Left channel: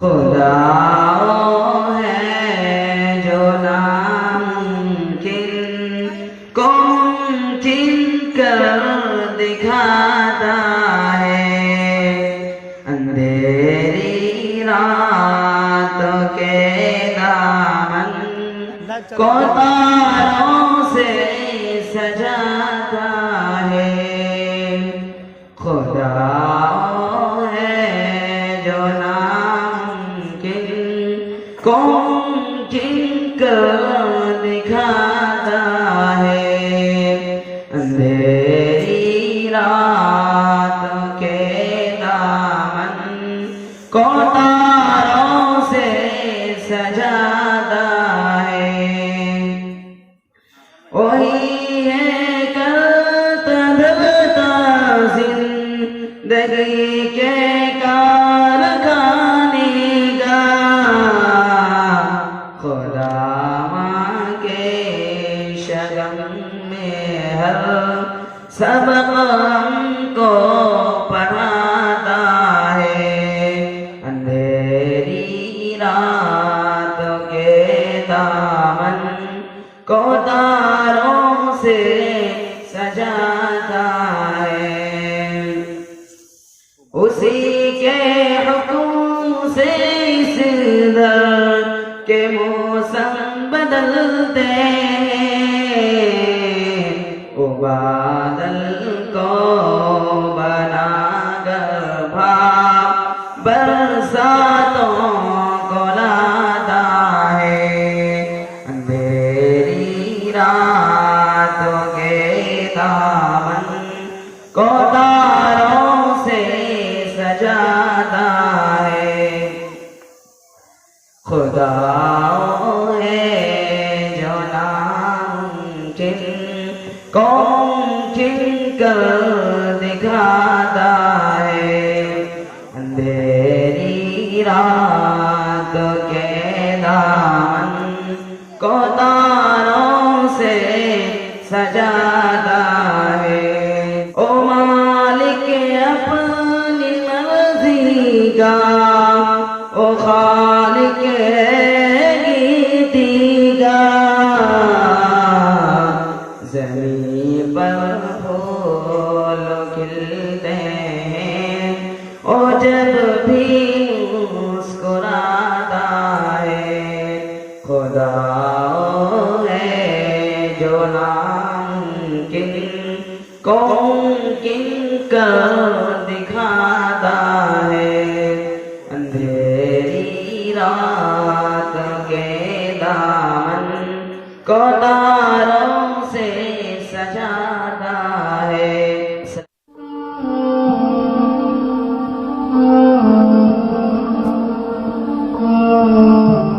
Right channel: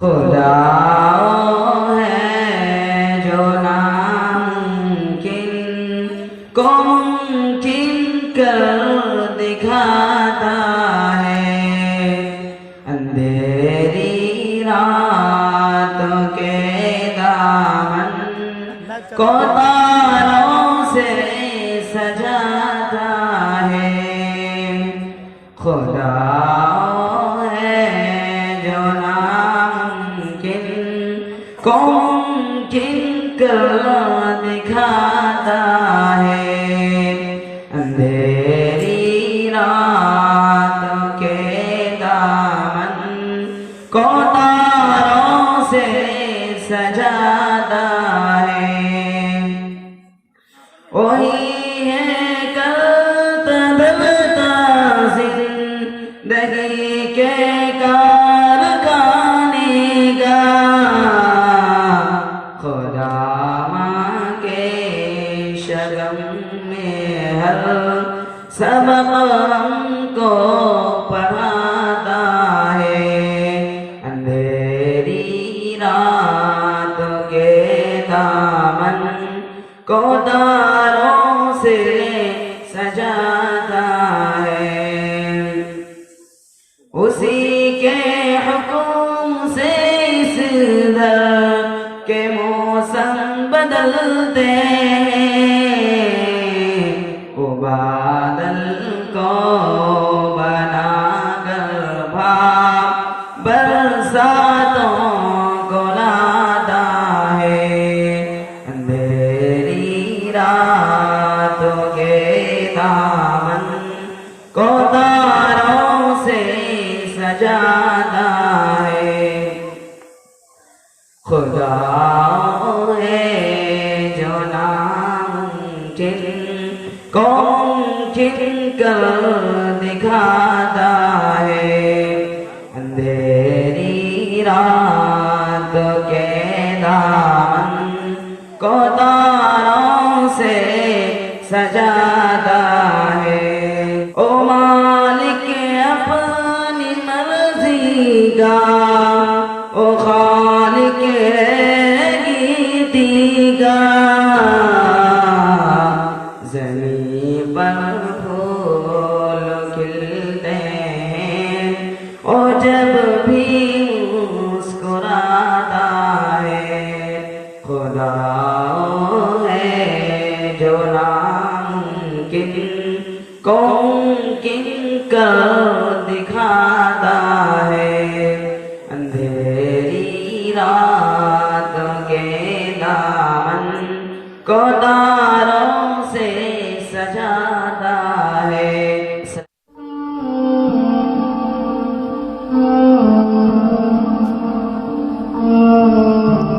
खुदा है जो नामुमकिन को मुमकिन कर दिखाता है। अंधेरी रातों के दामन को तारों से सजाता है। खुदा को मुमकिन कर दिखाता है। अंधेरी रात के दामन को तारों से सजाता है। वही है करता धरता जिंदगी के कारखाने का। खुदा के शगम में हर सबक हमको पढ़ाता है। अंधेरी रात के दामन को तारों से सजाता है। उसी के हुक्म से इस दर के मौसम बदलते हैं। वो बादल को बना कर भाप बरसातों को लाता है। अंधेरी रातों के दामन को तारों से सजाता है। खुदा है जो नामुमकिन को मुमकिन कर दिखाता है। अंधेरी रात के दामन को तारों से सजाता है। ओ मालिक अपनी मर्जी का, ओ खालिक है गीती का। ज़मीन पर फूल खिलते हैं और जब भी मुस्कुराता है। खुदा है जो नामुमकिन को मुमकिन कर दिखाता है। अंधेरी रात के दामन को